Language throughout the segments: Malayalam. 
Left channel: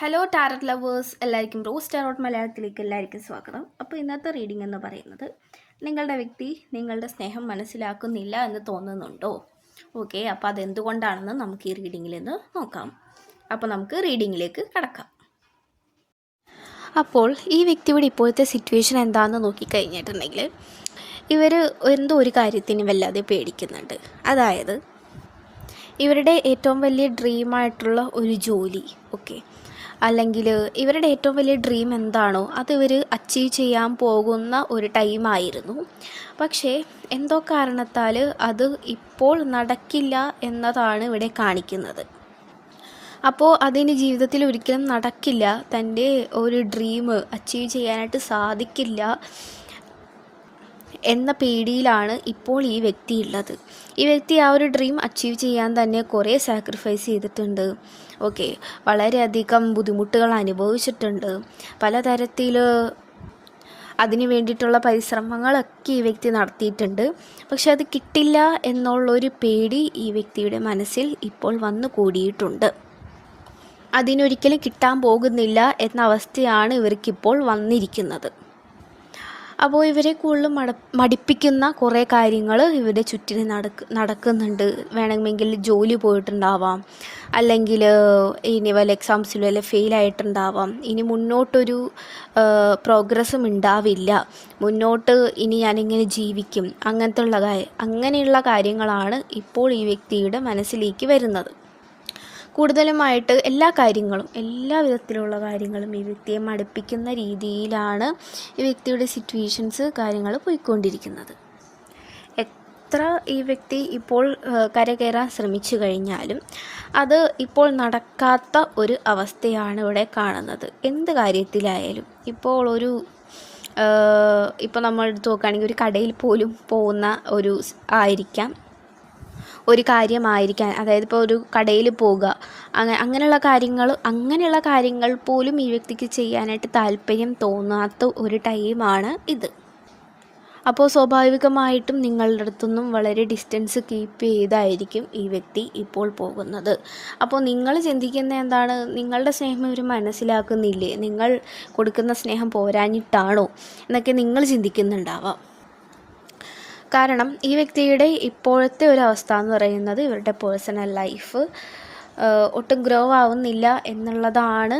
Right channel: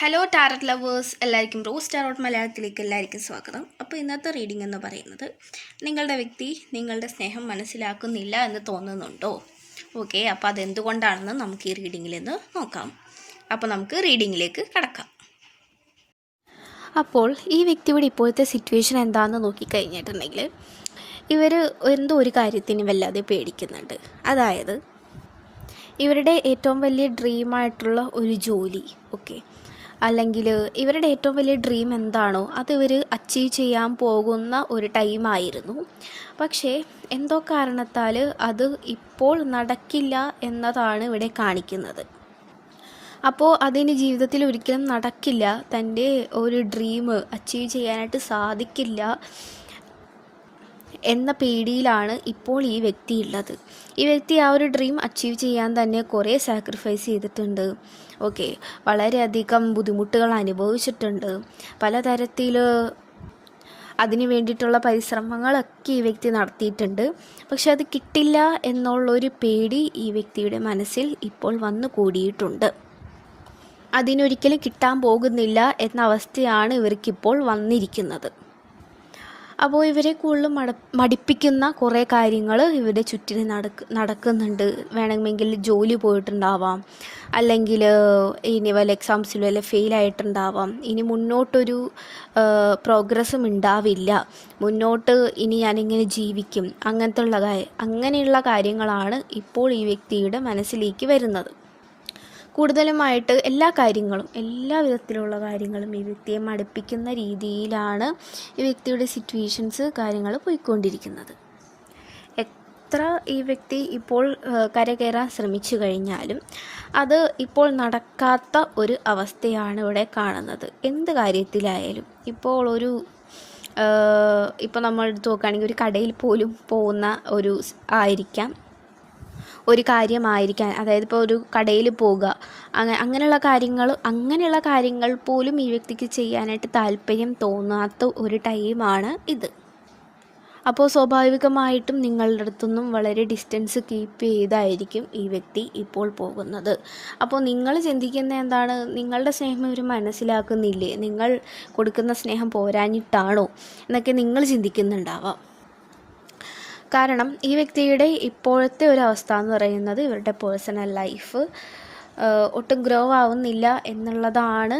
ഹലോ ടാരറ്റ് ലവേഴ്സ്, എല്ലാവർക്കും റോസ് ടാരോട്ട് മലയാളത്തിലേക്ക് എല്ലാവർക്കും സ്വാഗതം. അപ്പോൾ ഇന്നത്തെ റീഡിംഗ് എന്ന് പറയുന്നത്, നിങ്ങളുടെ വ്യക്തി നിങ്ങളുടെ സ്നേഹം മനസ്സിലാക്കുന്നില്ല എന്ന് തോന്നുന്നുണ്ടോ? ഓക്കെ, അപ്പോൾ അതെന്തുകൊണ്ടാണെന്ന് നമുക്ക് ഈ റീഡിങ്ങിൽ നിന്ന് നോക്കാം. അപ്പോൾ നമുക്ക് റീഡിങ്ങിലേക്ക് കടക്കാം. അപ്പോൾ ഈ വ്യക്തിയുടെ ഇപ്പോഴത്തെ സിറ്റുവേഷൻ എന്താണെന്ന് നോക്കിക്കഴിഞ്ഞിട്ടുണ്ടെങ്കിൽ, ഇവർ എന്തോ ഒരു കാര്യത്തിന് വല്ലാതെ പേടിക്കുന്നുണ്ട്. അതായത് ഇവരുടെ ഏറ്റവും വലിയ ഡ്രീമായിട്ടുള്ള ഒരു ജോലി, ഓക്കെ, അല്ലെങ്കിൽ ഇവരുടെ ഏറ്റവും വലിയ ഡ്രീം എന്താണോ അത് ഇവർ അച്ചീവ് ചെയ്യാൻ പോകുന്ന ഒരു ടൈമായിരുന്നു. പക്ഷേ എന്തോ കാരണത്താൽ അത് ഇപ്പോൾ നടക്കില്ല എന്നതാണ് ഇവിടെ കാണിക്കുന്നത്. അപ്പോൾ അതിന് ജീവിതത്തിൽ ഒരിക്കലും നടക്കില്ല, തൻ്റെ ഒരു ഡ്രീം അച്ചീവ് ചെയ്യാനായിട്ട് സാധിക്കില്ല എന്ന പേടിയിലാണ് ഇപ്പോൾ ഈ വ്യക്തി ഉള്ളത്. ഈ വ്യക്തി ആ ഒരു ഡ്രീം അച്ചീവ് ചെയ്യാൻ തന്നെ കുറേ സാക്രിഫൈസ് ചെയ്തിട്ടുണ്ട്. ഓക്കെ, വളരെയധികം ബുദ്ധിമുട്ടുകൾ അനുഭവിച്ചിട്ടുണ്ട്. പലതരത്തിൽ അതിന് വേണ്ടിയിട്ടുള്ള പരിശ്രമങ്ങളൊക്കെ ഈ വ്യക്തി നടത്തിയിട്ടുണ്ട്. പക്ഷെ അത് കിട്ടില്ല എന്നുള്ളൊരു പേടി ഈ വ്യക്തിയുടെ മനസ്സിൽ ഇപ്പോൾ വന്നു കൂടിയിട്ടുണ്ട്. അതിനൊരിക്കലും കിട്ടാൻ പോകുന്നില്ല എന്ന അവസ്ഥയാണ് ഇവർക്കിപ്പോൾ വന്നിരിക്കുന്നത്. അപ്പോൾ ഇവരെ കൂടുതലും മടിപ്പിക്കുന്ന കുറേ കാര്യങ്ങൾ ഇവരുടെ ചുറ്റിന് നടക്കുന്നുണ്ട്. വേണമെങ്കിൽ ജോലി പോയിട്ടുണ്ടാവാം, അല്ലെങ്കിൽ ഇനി വല്ല എക്സാംസിലും വല്ല ഫെയിലായിട്ടുണ്ടാവാം, ഇനി മുന്നോട്ടൊരു പ്രോഗ്രസ്സും ഉണ്ടാവില്ല, മുന്നോട്ട് ഇനി ഞാനിങ്ങനെ ജീവിക്കും, അങ്ങനെയുള്ള കാര്യങ്ങളാണ് ഇപ്പോൾ ഈ വ്യക്തിയുടെ മനസ്സിലേക്ക് വരുന്നത്. കൂടുതലുമായിട്ട് എല്ലാ വിധത്തിലുള്ള കാര്യങ്ങളും ഈ വ്യക്തിയെ മടുപ്പിക്കുന്ന രീതിയിലാണ് ഈ വ്യക്തിയുടെ സിറ്റുവേഷൻസ് കാര്യങ്ങൾ പോയിക്കൊണ്ടിരിക്കുന്നത്. എത്ര ഈ വ്യക്തി ഇപ്പോൾ കരകയറാൻ ശ്രമിച്ചു കഴിഞ്ഞാലും അത് ഇപ്പോൾ നടക്കാത്ത ഒരു അവസ്ഥയാണ് ഇവിടെ കാണുന്നത്. എന്ത് കാര്യത്തിലായാലും ഇപ്പോൾ ഇപ്പോൾ നമ്മൾ എടുത്ത് നോക്കുകയാണെങ്കിൽ ഒരു കടയിൽ പോലും പോകുന്ന ഒരു കാര്യമായിരിക്കാം. അതായത് ഇപ്പോൾ ഒരു കടയിൽ പോകുക, അങ്ങനെയുള്ള കാര്യങ്ങൾ പോലും ഈ വ്യക്തിക്ക് ചെയ്യാനായിട്ട് താല്പര്യം തോന്നാത്ത ഒരു ടൈമാണ് ഇത്. അപ്പോൾ സ്വാഭാവികമായിട്ടും നിങ്ങളുടെ അടുത്തുനിന്നും വളരെ ഡിസ്റ്റൻസ് കീപ്പ് ചെയ്തായിരിക്കും ഈ വ്യക്തി ഇപ്പോൾ പോകുന്നത്. അപ്പോൾ നിങ്ങൾ ചിന്തിക്കുന്നത് എന്താണ്? നിങ്ങളുടെ സ്നേഹം ഇവർ മനസ്സിലാക്കുന്നില്ലേ? നിങ്ങൾ കൊടുക്കുന്ന സ്നേഹം പോരാഞ്ഞിട്ടാണോ എന്നൊക്കെ നിങ്ങൾ ചിന്തിക്കുന്നുണ്ടാവാം. കാരണം ഈ വ്യക്തിയുടെ ഇപ്പോഴത്തെ ഒരു അവസ്ഥ എന്ന് പറയുന്നത്, ഇവരുടെ പേഴ്സണൽ ലൈഫ് ഒട്ടും ഗ്രോ ആവുന്നില്ല എന്നുള്ളതാണ്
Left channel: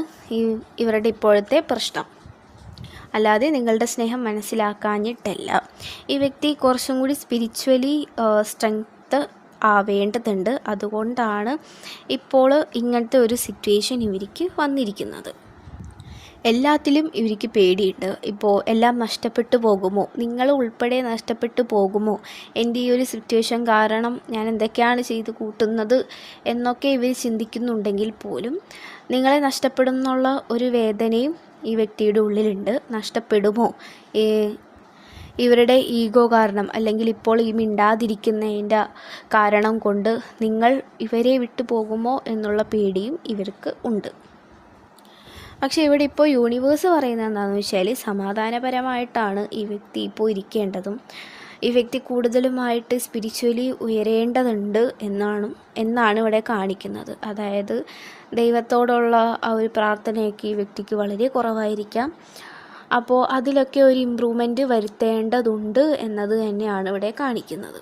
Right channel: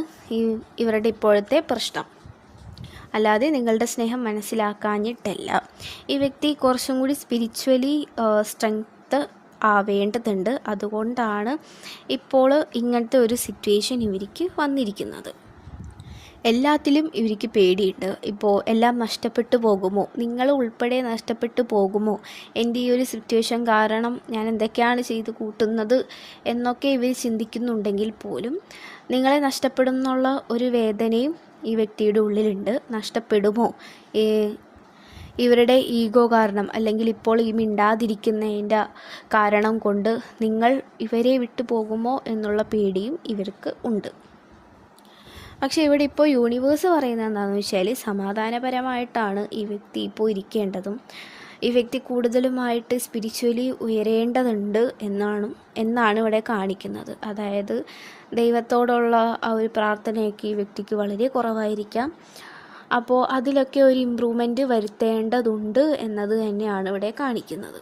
ഇവരുടെ ഇപ്പോഴത്തെ പ്രശ്നം. അല്ലാതെ നിങ്ങളുടെ സ്നേഹം മനസ്സിലാക്കാഞ്ഞിട്ടല്ല. ഈ വ്യക്തി കുറച്ചും കൂടി സ്പിരിച്വലി സ്ട്രെങ്ത് ആവേണ്ടതുണ്ട്. അതുകൊണ്ടാണ് ഇപ്പോൾ ഇങ്ങനത്തെ ഒരു സിറ്റുവേഷൻ ഇവർക്ക് വന്നിരിക്കുന്നത്. എല്ലാത്തിലും ഇവർക്ക് പേടിയുണ്ട്. ഇപ്പോൾ എല്ലാം നഷ്ടപ്പെട്ടു പോകുമോ, നിങ്ങൾ ഉൾപ്പെടെ നഷ്ടപ്പെട്ടു പോകുമോ, എൻ്റെ ഈ ഒരു സിറ്റുവേഷൻ കാരണം ഞാൻ എന്തൊക്കെയാണ് ചെയ്ത് കൂട്ടുന്നത് എന്നൊക്കെ ഇവർ ചിന്തിക്കുന്നുണ്ടെങ്കിൽ പോലും നിങ്ങളെ നഷ്ടപ്പെടുന്നുള്ള ഒരു വേദനയും ഈ വ്യക്തിയുടെ ഉള്ളിലുണ്ട്. നഷ്ടപ്പെടുമോ, ഇവരുടെ ഈഗോ കാരണം, അല്ലെങ്കിൽ ഇപ്പോൾ ഈ മിണ്ടാതിരിക്കുന്നതിൻ്റെ കാരണം കൊണ്ട് നിങ്ങൾ ഇവരെ വിട്ടു പോകുമോ എന്നുള്ള പേടിയും ഇവർക്ക് ഉണ്ട്. പക്ഷേ ഇവിടെ ഇപ്പോൾ യൂണിവേഴ്സ് പറയുന്നത് എന്താണെന്ന് വെച്ചാൽ, സമാധാനപരമായിട്ടാണ് ഈ വ്യക്തി ഇപ്പോൾ ഇരിക്കേണ്ടതും ഈ വ്യക്തി കൂടുതലുമായിട്ട് സ്പിരിച്വലി ഉയരേണ്ടതുണ്ട് എന്നാണ് ഇവിടെ കാണിക്കുന്നത്. അതായത് ദൈവത്തോടുള്ള ആ ഒരു പ്രാർത്ഥനയൊക്കെ ഈ വ്യക്തിക്ക് വളരെ കുറവായിരിക്കാം. അപ്പോൾ അതിലൊക്കെ ഒരു ഇമ്പ്രൂവ്മെൻറ്റ് വരുത്തേണ്ടതുണ്ട് എന്നത് തന്നെയാണ് ഇവിടെ കാണിക്കുന്നത്.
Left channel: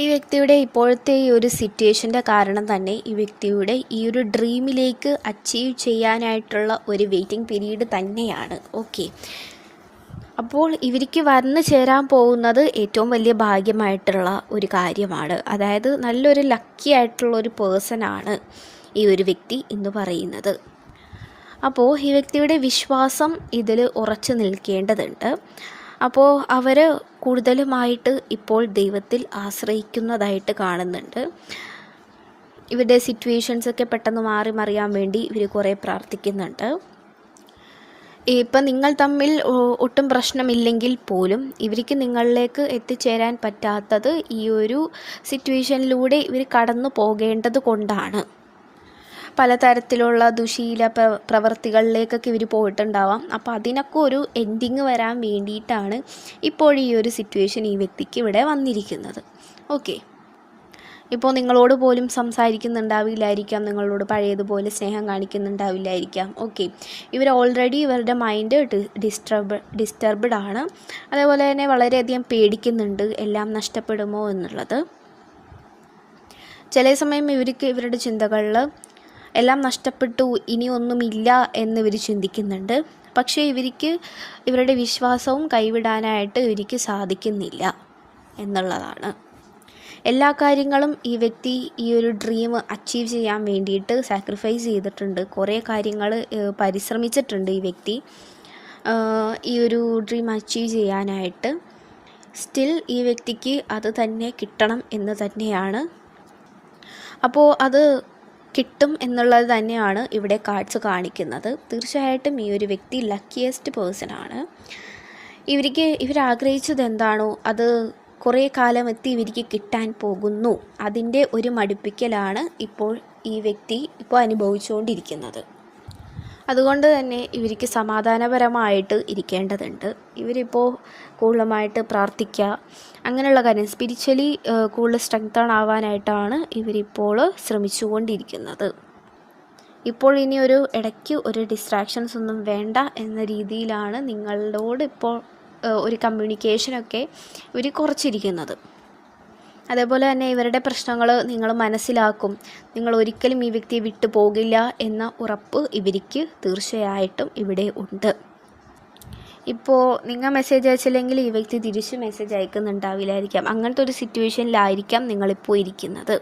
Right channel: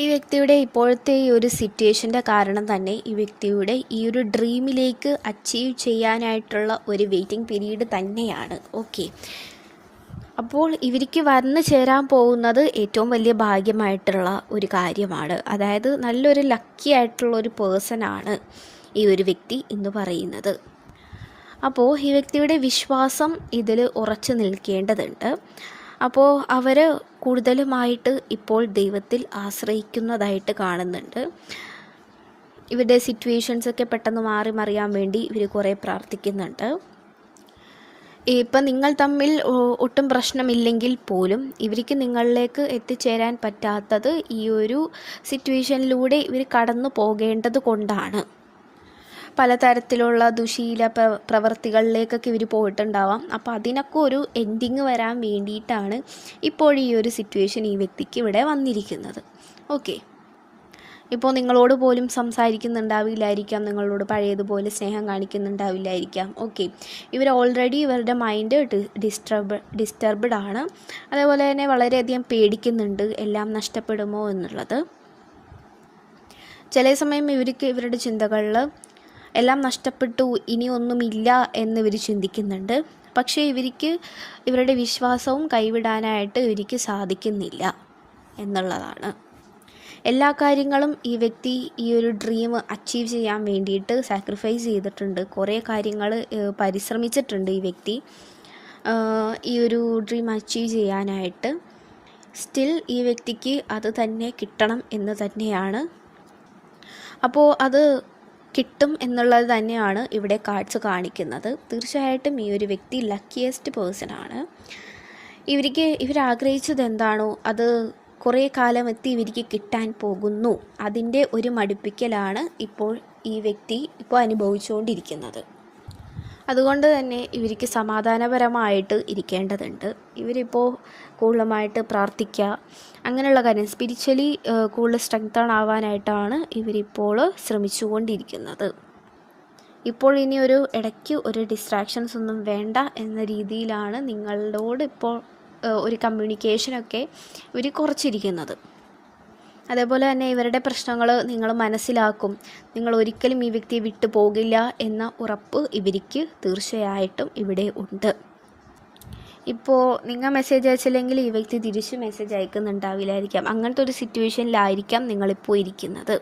ഈ വ്യക്തിയുടെ ഇപ്പോഴത്തെ ഈ ഒരു സിറ്റുവേഷൻ്റെ കാരണം തന്നെ ഈ വ്യക്തിയുടെ ഈ ഒരു ഡ്രീമിലേക്ക് അച്ചീവ് ചെയ്യാനായിട്ടുള്ള ഒരു വെയിറ്റിംഗ് പീരീഡ് തന്നെയാണ്. ഓക്കെ, അപ്പോൾ ഇവർക്ക് വന്നു ചേരാൻ പോകുന്നത് ഏറ്റവും വലിയ ഭാഗ്യമായിട്ടുള്ള ഒരു കാര്യമാണ്. അതായത് നല്ലൊരു ലക്കി ആയിട്ടുള്ള ഒരു പേഴ്സണാണ് ഈ ഒരു വ്യക്തി എന്ന് പറയുന്നത്. അപ്പോൾ ഈ വ്യക്തിയുടെ വിശ്വാസം ഇതിൽ ഉറച്ചു നിൽക്കേണ്ടതുണ്ട്. അപ്പോൾ അവർ കൂടുതലുമായിട്ട് ഇപ്പോൾ ദൈവത്തിൽ ആശ്രയിക്കുന്നതായിട്ട് കാണുന്നുണ്ട്. ഇവരുടെ സിറ്റുവേഷൻസൊക്കെ പെട്ടെന്ന് മറിയാൻ വേണ്ടി ഇവർ കുറേ പ്രാർത്ഥിക്കുന്നുണ്ട്. ഇപ്പം നിങ്ങൾ തമ്മിൽ ഒട്ടും പ്രശ്നമില്ലെങ്കിൽ പോലും ഇവർക്ക് നിങ്ങളിലേക്ക് എത്തിച്ചേരാൻ പറ്റാത്തത് ഈ ഒരു സിറ്റുവേഷനിലൂടെ ഇവർ കടന്നു പോകേണ്ടത് കൊണ്ടാണ്. പലതരത്തിലുള്ള ദുശീല പ്രവർത്തികളിലേക്കൊക്കെ ഇവർ പോയിട്ടുണ്ടാവാം. അപ്പോൾ അതിനൊക്കെ ഒരു എൻഡിങ് വരാൻ വേണ്ടിയിട്ടാണ് ഇപ്പോൾ ഈ ഒരു സിറ്റുവേഷൻ ഈ വ്യക്തിക്ക് ഇവിടെ വന്നിരിക്കുന്നത്. ഓക്കെ, ഇപ്പോൾ നിങ്ങളോട് പോലും സംസാരിക്കുന്നുണ്ടാവില്ലായിരിക്കാം, നിങ്ങളോട് പഴയതുപോലെ സ്നേഹം കാണിക്കുന്നുണ്ടാവില്ലായിരിക്കാം. ഓക്കെ, ഇവർ ഓൾറെഡി ഇവരുടെ മൈൻഡ് ഡിസ്റ്റർബ്ഡ് ആണ്. അതേപോലെ തന്നെ വളരെയധികം പേടിക്കുന്നുണ്ട് എല്ലാം നഷ്ടപ്പെടുമോ എന്നുള്ളത്. ചില സമയം ഇവർക്ക് ഇവരുടെ ചിന്തകളിൽ എല്ലാം നഷ്ടപ്പെട്ടു, ഇനി ഒന്നുമില്ല എന്നിവർ ചിന്തിക്കുന്നുണ്ട്. പക്ഷേ ഇവർക്ക് ഇവരുടെ വിശ്വാസവും കൈവിടാനായിട്ട് ഇവർക്ക് സാധിക്കുന്നില്ല എന്നുള്ളതാണ്. എല്ലാ കാര്യങ്ങളും ഈ വ്യക്തി ഈ ഒരു ഡ്രീം അച്ചീവ് ചെയ്യാൻ വേണ്ടിയിട്ട് സാക്രിഫൈസ് ചെയ്തിട്ടുണ്ട്. കുറേ കാര്യങ്ങൾ പരിശ്രമിച്ചിട്ടുണ്ട് ഈ വ്യക്തി ഈ ഒരു ഡ്രീം അച്ചീവ് ചെയ്യാനായിട്ട്. സ്റ്റിൽ ഈ വ്യക്തിക്ക് അത് തന്നെ കിട്ടണം എന്ന് തന്നെയാണ്. അപ്പോൾ അത് കിട്ടും എന്നുള്ളത് തന്നെയാണ് ഇവിടെ കാർഡ്സ് കാണിക്കുന്നത്. തീർച്ചയായിട്ടും ഈ ഒരു വ്യക്തി ലക്കിയസ്റ്റ് പേഴ്സൺ ആണ്. ഇവരാഗ്രഹിച്ചത് എന്താണോ അത് കുറേ കാലം ഇവർക്ക് കിട്ടാൻ പോകുന്നു. അതിൻ്റെ ഒരു മടുപ്പിക്കലാണ് ഇപ്പോൾ ഈ വ്യക്തി അനുഭവിച്ചുകൊണ്ടിരിക്കുന്നത്. അതുകൊണ്ട് തന്നെ ഇവർക്ക് സമാധാനപരമായിട്ട് ഇരിക്കേണ്ടതുണ്ട്. ഇവരിപ്പോൾ കൂടുതലുമായിട്ട് പ്രാർത്ഥിക്കുക, അങ്ങനെയുള്ള കാര്യം സ്പിരിച്വലി കൂടുതൽ സ്ട്രെങ്തൺ ആവാനായിട്ടാണ് ഇവരിപ്പോൾ ശ്രമിച്ചുകൊണ്ടിരിക്കുന്നത്. ഇപ്പോൾ ഇനി ഇടയ്ക്ക് ഒരു ഡിസ്ട്രാക്ഷൻസ് ഒന്നും വേണ്ട എന്ന രീതിയിലാണ് നിങ്ങളോട് ഇപ്പോൾ ഒരു കമ്മ്യൂണിക്കേഷനൊക്കെ ഇവർ കുറച്ചിരിക്കുന്നത്. അതേപോലെ തന്നെ ഇവരുടെ പ്രശ്നങ്ങൾ നിങ്ങൾ മനസ്സിലാക്കും. നിങ്ങൾ ഒരിക്കലും ഈ വ്യക്തിയെ വിട്ടു പോകില്ല എന്ന ഉറപ്പ് ഇവർക്ക് തീർച്ചയായിട്ടും ഇവിടെ ഉണ്ട്. ഇപ്പോൾ നിങ്ങൾ മെസ്സേജ് അയച്ചില്ലെങ്കിൽ ഈ വ്യക്തി തിരിച്ച് മെസ്സേജ് അയക്കുന്നുണ്ടാവില്ലായിരിക്കാം. അങ്ങനത്തെ ഒരു സിറ്റുവേഷനിലായിരിക്കാം നിങ്ങളിപ്പോൾ ഇരിക്കുന്നത്.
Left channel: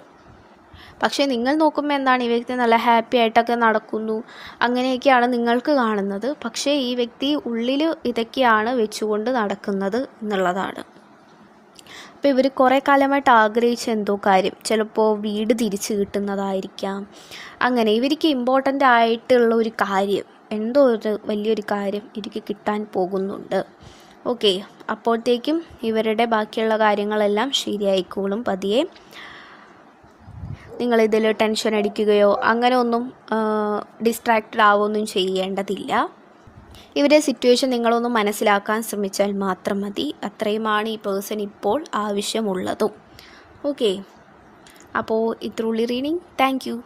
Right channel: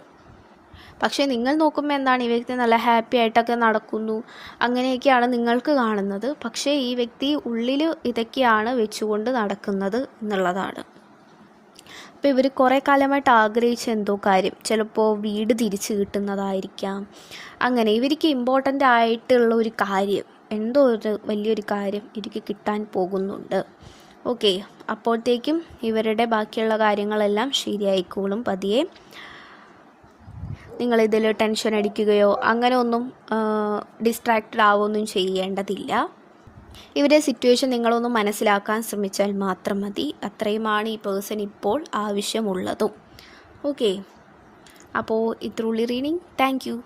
പക്ഷേ നിങ്ങൾ നോക്കുമ്പോൾ എന്താണ്, ഈ വ്യക്തി നല്ല ഹാപ്പി ആയിട്ടൊക്കെ നടക്കുന്നു, അങ്ങനെയൊക്കെയാണ് നിങ്ങൾക്ക് കാണുന്നത്. പക്ഷേ ഈ വ്യക്തി ഉള്ളിൽ ഇതൊക്കെയാണ് വെച്ചുകൊണ്ട് നടക്കുന്നത് എന്നുള്ളതാണ്. അപ്പോൾ ഇവർ കുറേ കാലമായിട്ട് ആഗ്രഹിച്ച എന്തോ കാര്യം, ചിലപ്പോൾ വീട് തിരിച്ച് കിട്ടുന്നതായിരിക്കാം. അങ്ങനെ ഇവർക്ക് ഇമ്പോർട്ടൻ്റ് ആയിട്ടുള്ള ഒരു കാര്യം, എന്തോ ഒരു വലിയൊരു കാര്യം ഇവർക്ക് കിട്ടാൻ പോകുന്നുണ്ട്. ഓക്കെ, അപ്പോഴത്തേക്കും ഇവരുടെ ബാക്കിയുള്ള കാര്യങ്ങളെല്ലാം ശരിയായിക്കോളും പതിയെ. നിങ്ങളിതിൽ ടെൻഷൻ അടിക്കുകയോ അങ്ങനെ ഒന്നും ഡിസ്ട്രാക്റ്റഡ് ആവുകയൊന്നും ചെയ്യേണ്ടതില്ല. ഇവരുടെ സിറ്റുവേഷൻ നിങ്ങളൊന്ന് മനസ്സിലാക്കാൻ ശ്രമിച്ചാൽ മാത്രം മതി. അത്രയുമാണ് ഈ പേഴ്സൺ ഇപ്പോൾ ആവശ്യമുള്ളതും. ഓക്കെ, അപ്പോൾ ഇത്രയുള്ളൂ റീഡിങ്. Thank you.